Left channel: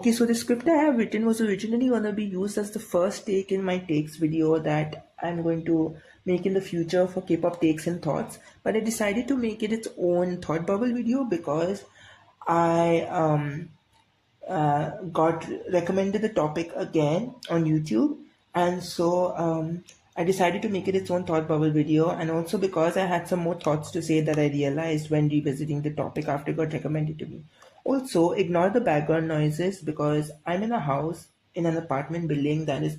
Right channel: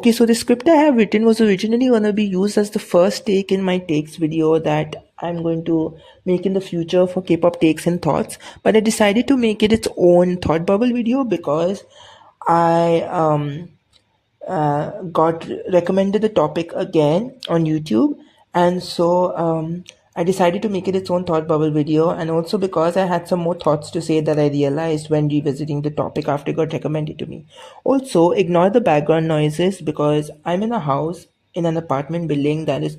Okay, so the script I have written was originally going to be used as the first take in my takes video that I'm going to make in the future for K-pop takes and thoughts, but I decided to make it its own thought bubble video because I got recommended the topic again on YouTube, and so I decided to make it its own thought bubble video, and also because I had some more thoughts to say that I realized when revisiting the topic after it got recommended to me. Also, ignore the background noises because I'm in a house in an apartment building that is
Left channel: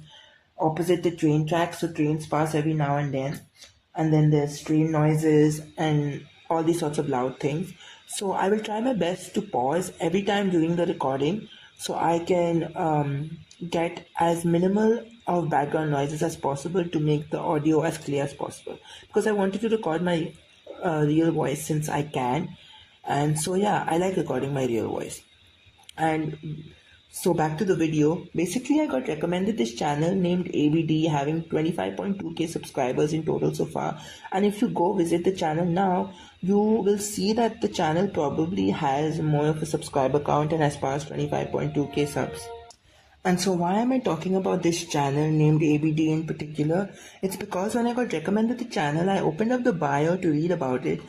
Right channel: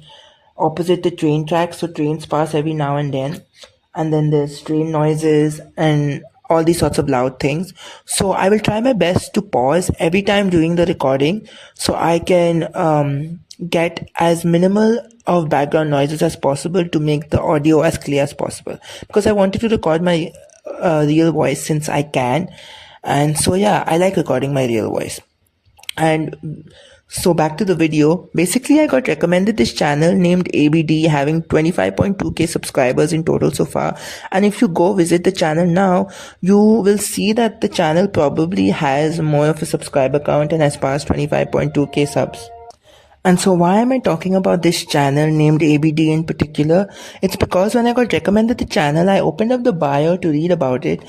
opposite the train tracks, so trains pass every now and then there's train noises and all these sorts of loud things. So I will try my best to pause every time during the recording so I can get as minimal of background noises as possible to make the audio as clear as possible, because I wanted to record my real voice since I can. And so yeah, I like recording my real voice. And so back to the video. Basically, I got recommended this channel named ABD having 25.2k subscribers in total so far. And if you go visit the channel now, you will see that the channel probably has more of a subscriber count and has passed 25.2k subs. And so why am I talking about this channel named ABD in particular? It's because when I got recommended the channel, I opened up the bio to read about it.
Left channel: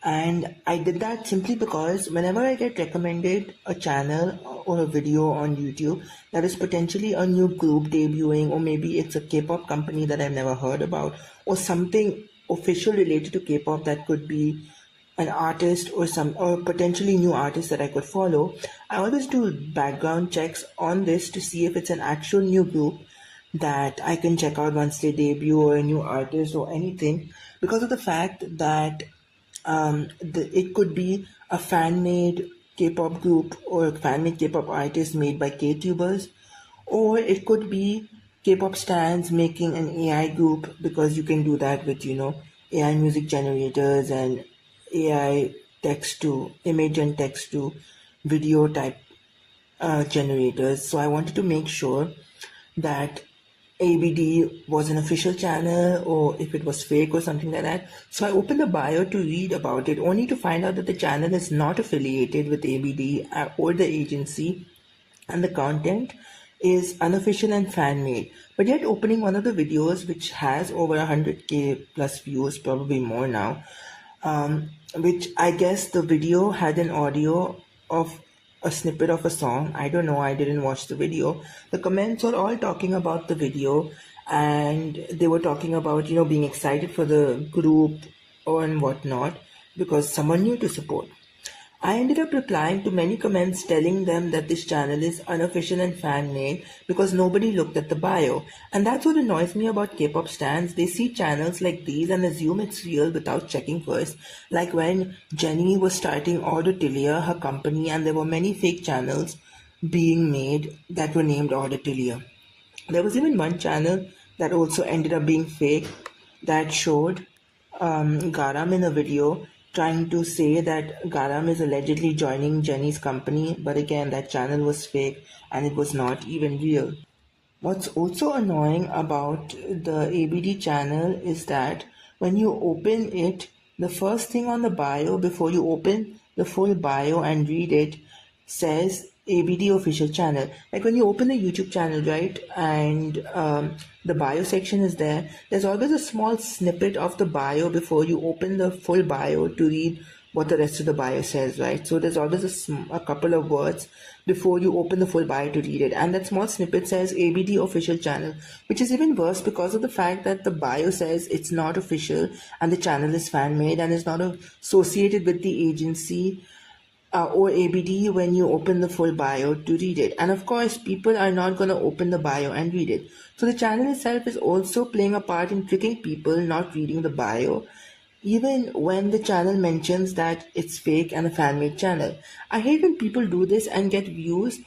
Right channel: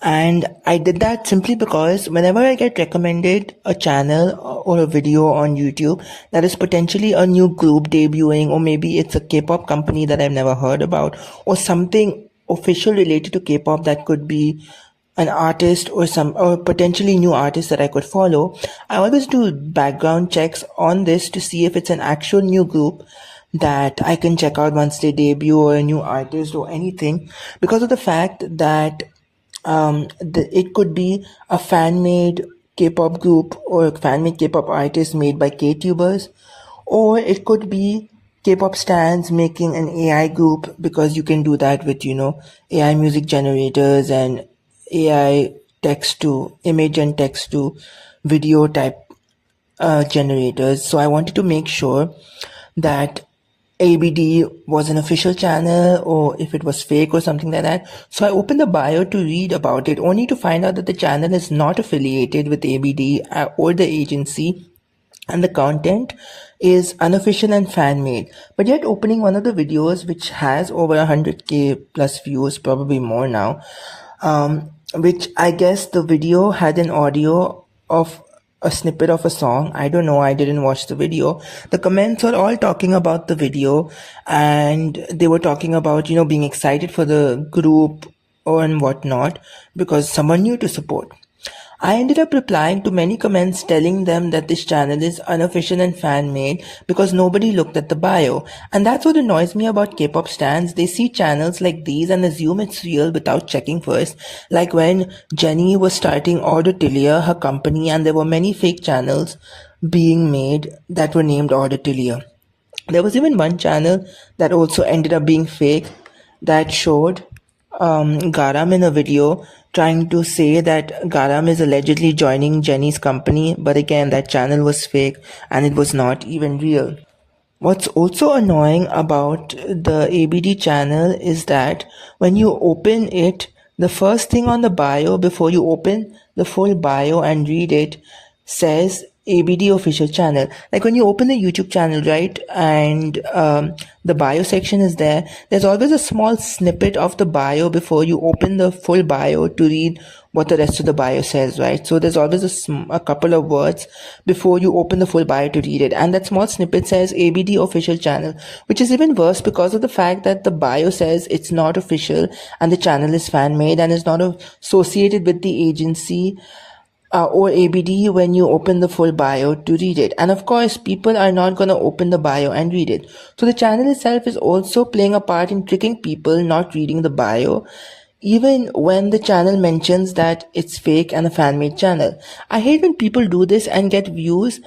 And I did that simply because whenever I get recommended a channel or a video on YouTube that is potentially a new group debuting, or maybe it's a K-pop company that I've never heard about, or something official related to K-pop that could be an artist or potentially new artist that I could follow, I always do background checks on this to see if it's an actual new group that I can check out once they debut, or a new artist or anything, because of the fact that it could be a fan-made K-pop group or a fan-made K-pop artist made by K-tubers, or it could be K-pop stans making an AI group, because you can do that with, AI music generators and AI text to image and text to video type generators. So I wanted to make sure that ABD was an official channel or if it was fake or something like that. So I opened the bio to read about it, only to find out that the channel is not affiliated with ABD or the agency, and the content is unofficial and fan-made. But yet opening one of the videos which has over 100k plus views, probably more now, which I guess the video had an audio of a snippet of a song. I don't know, I didn't watch the video. The comments were all talking about the video, and they were talking about, being excited for the group and whatnot because someone new to support. I ended up replying to many comments telling them that this channel is unofficial and fan-made because nobody looked at the bio. And that's what annoys me about K-pop stans. They see channels like these and assume it's real without checking first. Like when Jennie was starting Auditilia, her company, and there were many fake channels being made that were named Auditilia. There was even one channel that also ended up being fake that showed Garam in a video trying to say that Garam is allegedly joining Jennie's company, but again, that channel was fake and it was not even real. What's also annoying about the ABD channel is that when you open it, the first thing on the bio before you open the full bio and read it says ABD official channel. Like when you open the YouTube channel, right, and the bio section is there, there's always a small snippet of the bio before you open the full bio to read what the rest of the bio says, right? So there's always a couple of words before you open the full bio to read it, and that small snippet says ABD official channel, which is even worse because of the fact that the bio says it's not official and the channel is fan-made and is not associated with the agency or ABD when you open the full bio to read it. And of course, people are not going to open the bio and read it. So the channel itself is also playing a part in tricking people not reading the bio, even when the channel mentions that it's fake and a fan-made channel. I hate when people do this and get views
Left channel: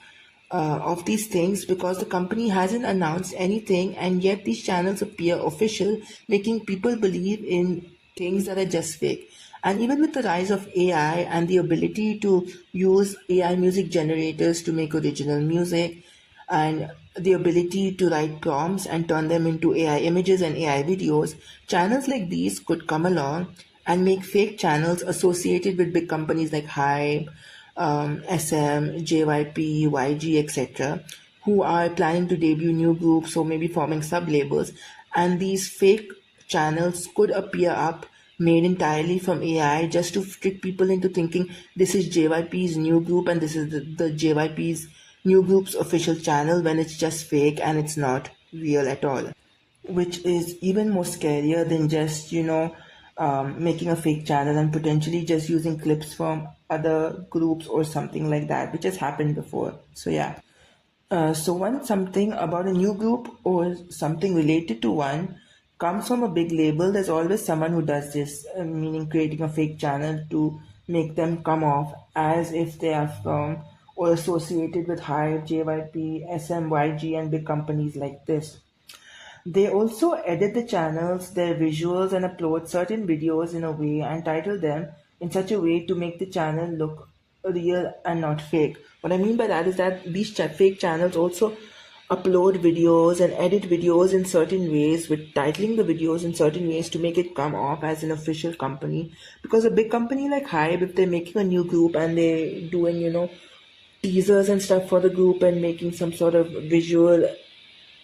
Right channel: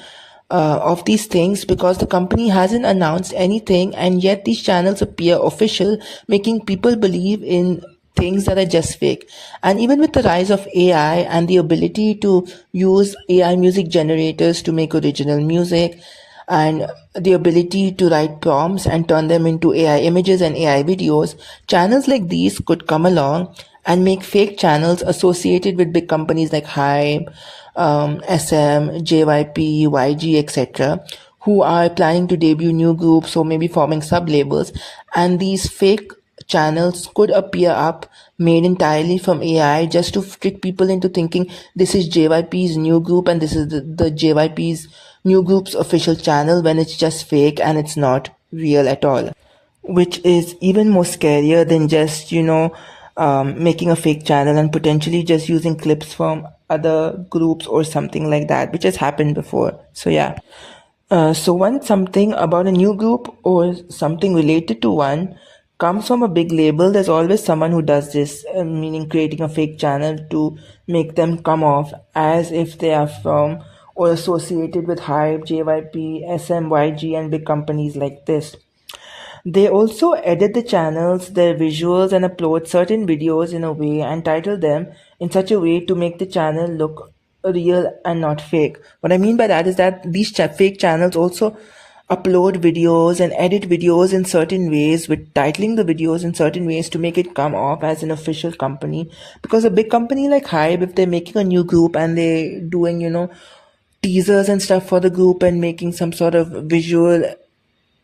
of these things because the company hasn't announced anything, and yet these channels appear official, making people believe in things that are just fake. And even with the rise of AI and the ability to use AI music generators to make original music, and the ability to write prompts and turn them into AI images and AI videos, channels like these could come along and make fake channels associated with big companies like Hype, SM, JYP, YG, etc., who are planning to debut new groups or maybe forming sub labels, and these fake channels could appear up made entirely from AI just to trick people into thinking this is JYP's new group and this is the JYP's new group's official channel, when it's just fake and it's not real at all, which is even more scarier than just, making a fake channel and potentially just using clips from other groups or something like that, which has happened before. So, yeah. So once something about a new group or something related to one comes from a big label, there's always someone who does this, meaning creating a fake channel to make them come off as if they are from or associated with Hype, JYP, SMYG, and big companies like this. They also edit the channels, their visuals, and upload certain videos in a way and title them in such a way to make the channel look real and not fake. What I mean by that is that these fake channels also upload videos and edit videos in certain ways, with titling the videos in certain ways to make it come off as an official company. Because a big company like Hybe, if they're making a new group and they're doing, teasers and stuff for the group and making some sort of visual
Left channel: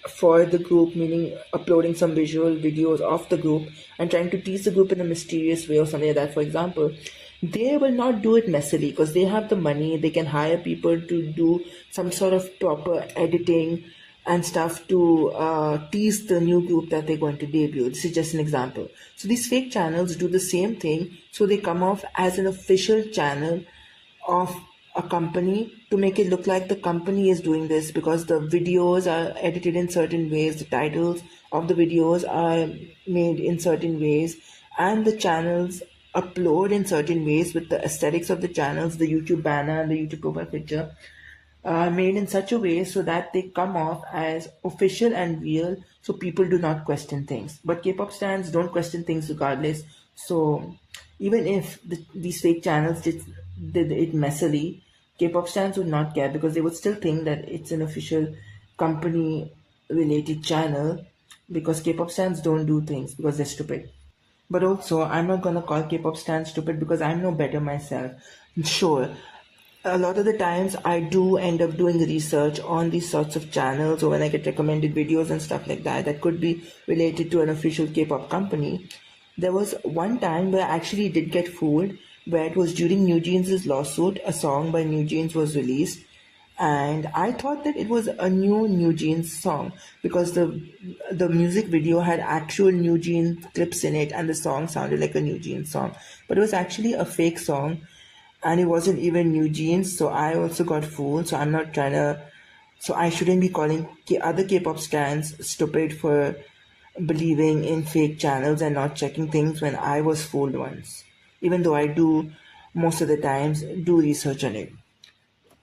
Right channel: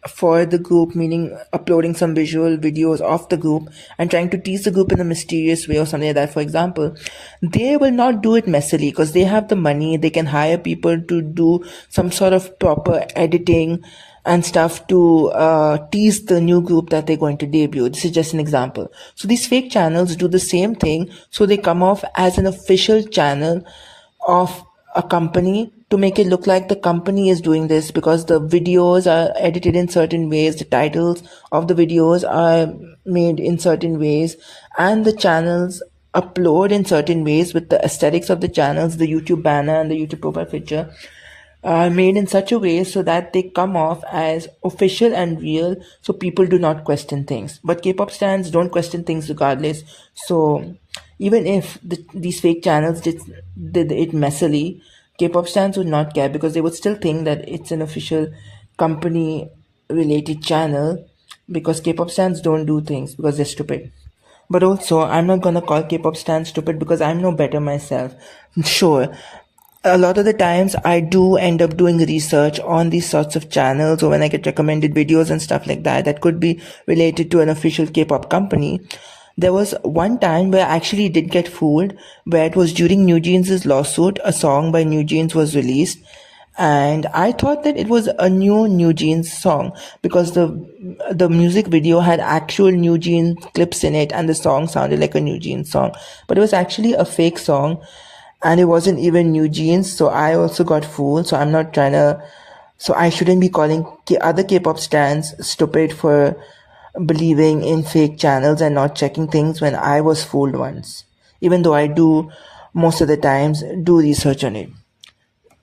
for the group, meaning uploading some visual videos of the group and trying to tease the group in a mysterious way or something like that, for example, they will not do it messily because they have the money. They can hire people to do some sort of proper editing and stuff to tease the new group that they're going to debut. This is just an example. So these fake channels do the same thing. So they come off as an official channel of a company to make it look like the company is doing this, because the videos are edited in certain ways, the titles of the videos are made in certain ways, and the channels upload in certain ways with the aesthetics of the channels, the YouTube banner and the YouTube profile picture are made in such a way so that they come off as official and real, so people do not question things. But K-pop stans don't question things regardless. So even if these fake channels did it messily, K-pop stans would not care, because they would still think that it's an official company related channel, because K-pop stans don't do things because they're stupid. But also, I'm not gonna call K-pop stans stupid because I'm no better myself. Sure, a lot of the times I do end up doing research on these sorts of channels, or when I get recommended videos and stuff like that that could be related to an official K-pop company. There was one time where I actually did get fooled, where it was during New Jeans' lawsuit. A song by New Jeans was released, and I thought that it was a New Jeans song, because the music video had actual New Jeans clips in it and the song sounded like a New Jeans song, but it was actually a fake song and it wasn't even New Jeans. So I also got fooled. So I'm not trying to, so I shouldn't be calling other K-pop stans stupid for believing in fake channels and not checking things when I was fooled once, even though I do most of the times do research on it.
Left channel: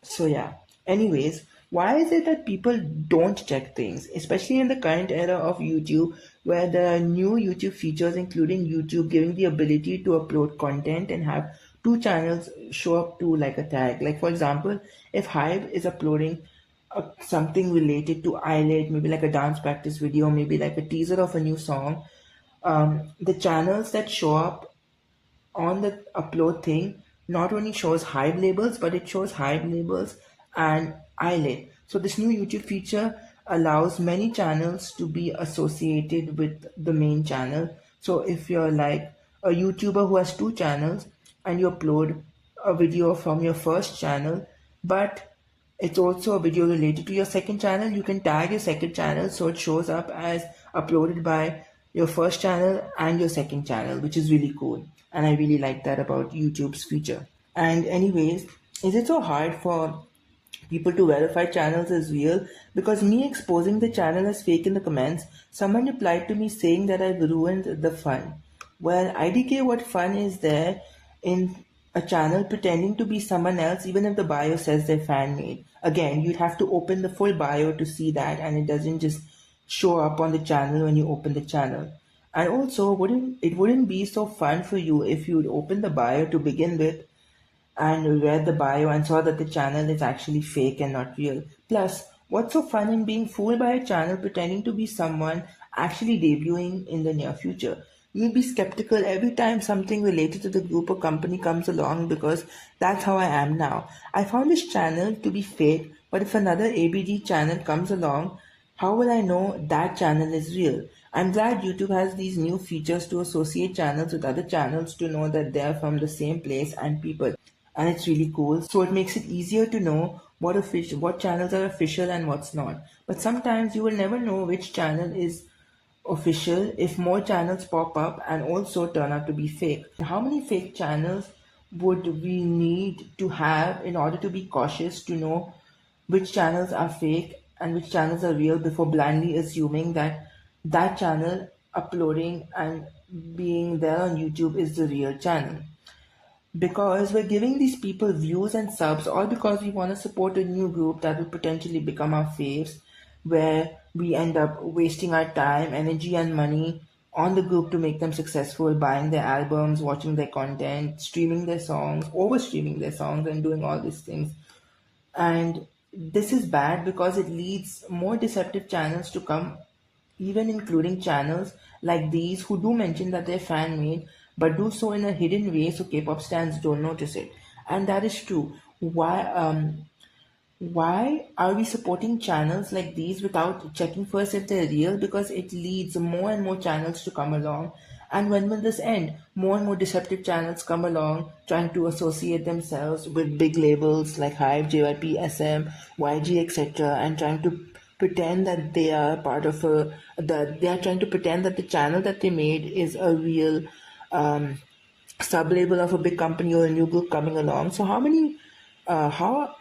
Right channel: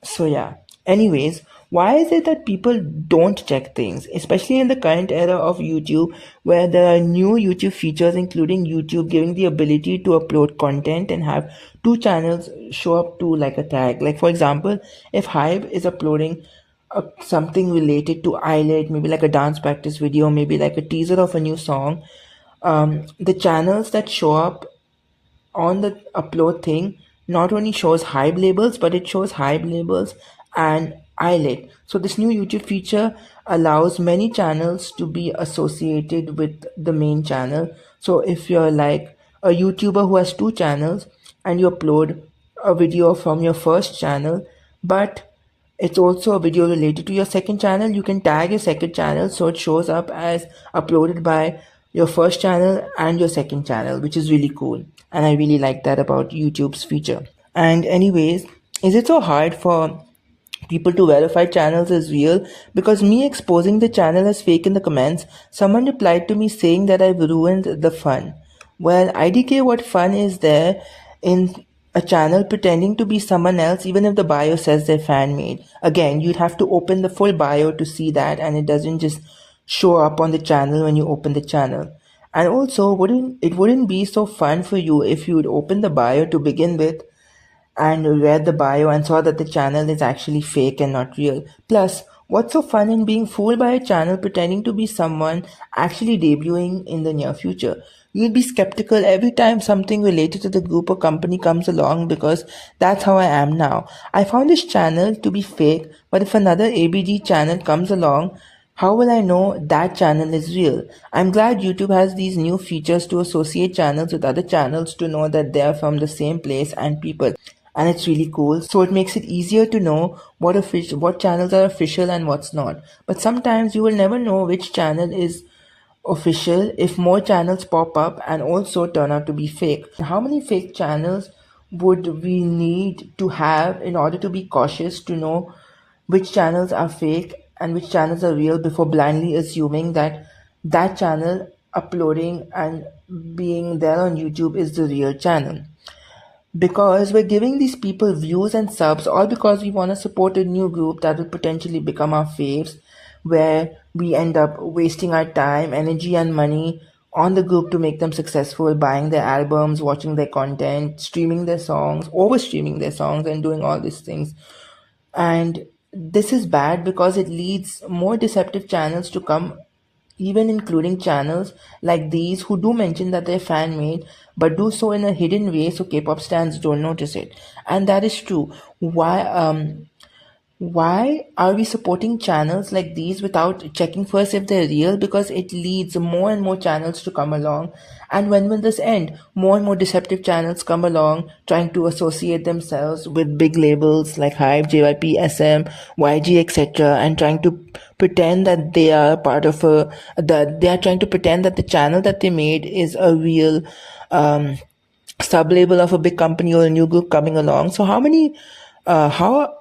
So yeah. Anyways, why is it that people don't check things, especially in the current era of YouTube, where there are new YouTube features, including YouTube giving the ability to upload content and have two channels show up to like a tag? Like for example, if Hive is uploading something related to Eyelet, maybe like a dance practice video, maybe like a teaser of a new song, the channels that show up on the upload thing not only shows Hype labels, but it shows Hype labels and Eyelet. So this new YouTube feature allows many channels to be associated with the main channel. So if you're like a YouTuber who has two channels and you upload a video from your first channel, but it's also a video related to your second channel, you can tag your second channel so it shows up as uploaded by your first channel and your second channel, which is really cool. And I really like that about YouTube's feature. And anyways, is it so hard for people to verify channels as real? Because me exposing the channel as fake in the comments, someone replied to me saying that I've ruined the fun. Well, IDK, what fun is there in a channel pretending to be someone else, even if the bio says they're fan made? Again, you'd have to open the full bio to see that, and it doesn't just show up on the channel when you open the channel. And also, wouldn't be so fun for you if you would open the bio to begin with and read the bio and saw that the channel is actually fake and not real? Plus, what's so fun in being fooled by a channel pretending to be someone actually debuting in the near future? You'll be skeptical every time something related to the group or company comes along, because that's how I am now. I found this channel to be fake, but if another ABD channel comes along, how will I know that channel is real? I'm glad YouTube has these new features to associate channels with other channels to know that they are from the same place and people. And it's really cool. So it makes it easier to know what channels are official and what's not. But sometimes you will never know which channel is official if more channels pop up and also turn out to be fake. How many fake channels would we need to have in order to be cautious to know which channels are fake and which channels are real before blindly assuming that that channel uploading and being there on YouTube is the real channel? Because we're giving these people views and subs all because we want to support a new group that will potentially become our faves, where we end up wasting our time, energy, and money on the group to make them successful, buying their albums, watching their content, streaming their songs, over streaming their songs, and doing all these things. And this is bad because it leads more deceptive channels to come, even including channels like these who do mention that they're fan made, but do so in a hidden way so K-pop stans don't notice it. And that is true. Why are we supporting channels like these without checking first if they're real? Because it leads more and more channels to come along. And when will this end? More and more deceptive channels come along trying to associate themselves with big labels like Hype, JYP, SM, YG, etc., and trying to pretend that they are part of that they are trying to pretend that the channel that they made is a real sub label of a big company or a new group coming along. So how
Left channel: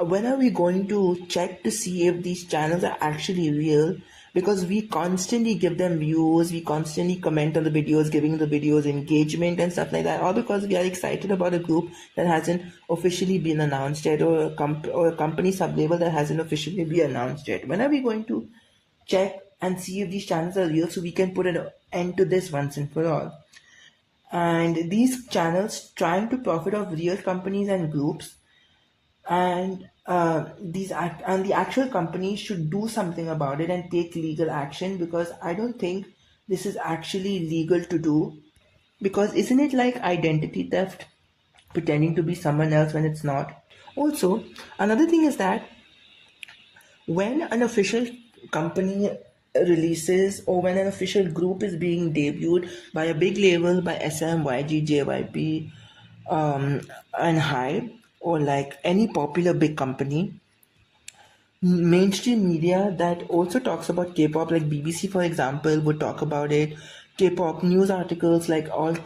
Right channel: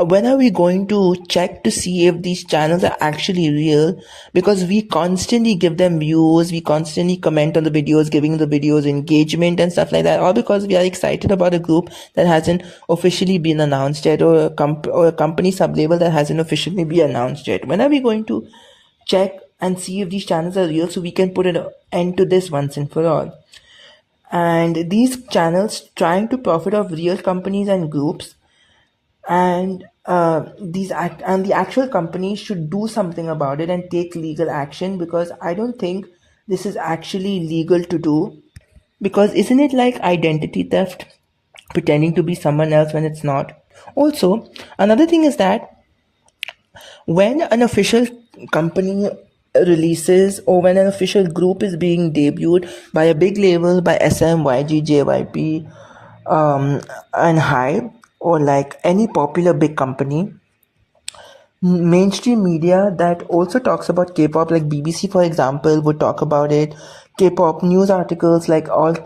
when are we going to check to see if these channels are actually real? Because we constantly give them views, we constantly comment on the videos, giving the videos engagement and stuff like that, all because we are excited about a group that hasn't officially been announced yet, or a company sub-label that hasn't officially been announced yet. When are we going to check and see if these channels are real so we can put an end to this once and for all? And these channels trying to profit off real companies and groups, and the actual company should do something about it and take legal action, because I don't think this is actually legal to do. Because isn't it like identity theft, pretending to be someone else when it's not? Also, another thing is that when an official company releases, or when an official group is being debuted by a big label, by SM, YG, JYP, and Hype, or like any popular big company, mainstream media that also talks about K-pop, like BBC for example, would talk about it. K-pop news articles like all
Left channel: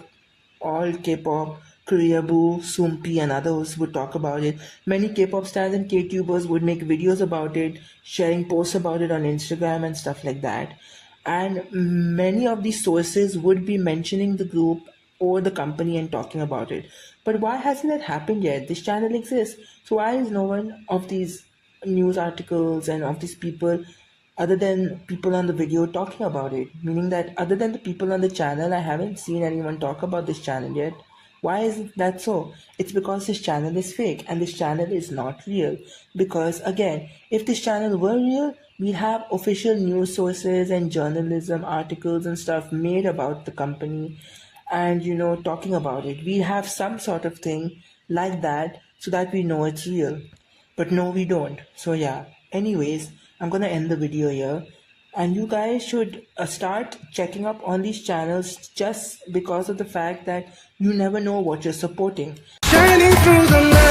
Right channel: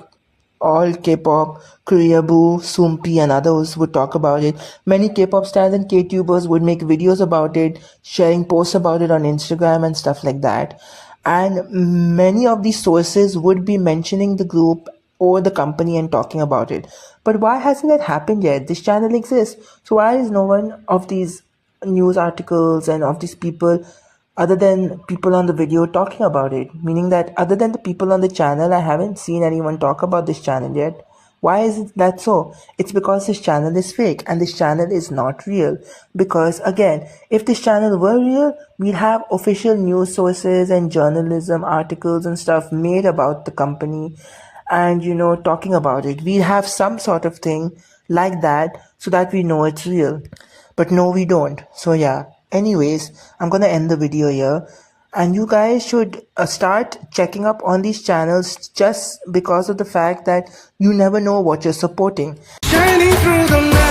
K-pop, Koreaboo, Soompi, and others would talk about it. Many K-pop stars and K-tubers would make videos about it, sharing posts about it on Instagram and stuff like that. And many of these sources would be mentioning the group or the company and talking about it. But why hasn't that happened yet? This channel exists. So why is no one of these news articles and of these people, other than people on the video, talking about it? Meaning that other than the people on the channel, I haven't seen anyone talk about this channel yet. Why is that so? It's because this channel is fake and this channel is not real. Because again, if this channel were real, we'd have official news sources and journalism articles and stuff made about the company, and talking about it. We'd have some sort of thing like that so that we know it's real. But no, we don't. So yeah, anyways, I'm gonna end the video here, and you guys should start checking up on these channels, just because of the fact that you never know what you're supporting. Shining through the night.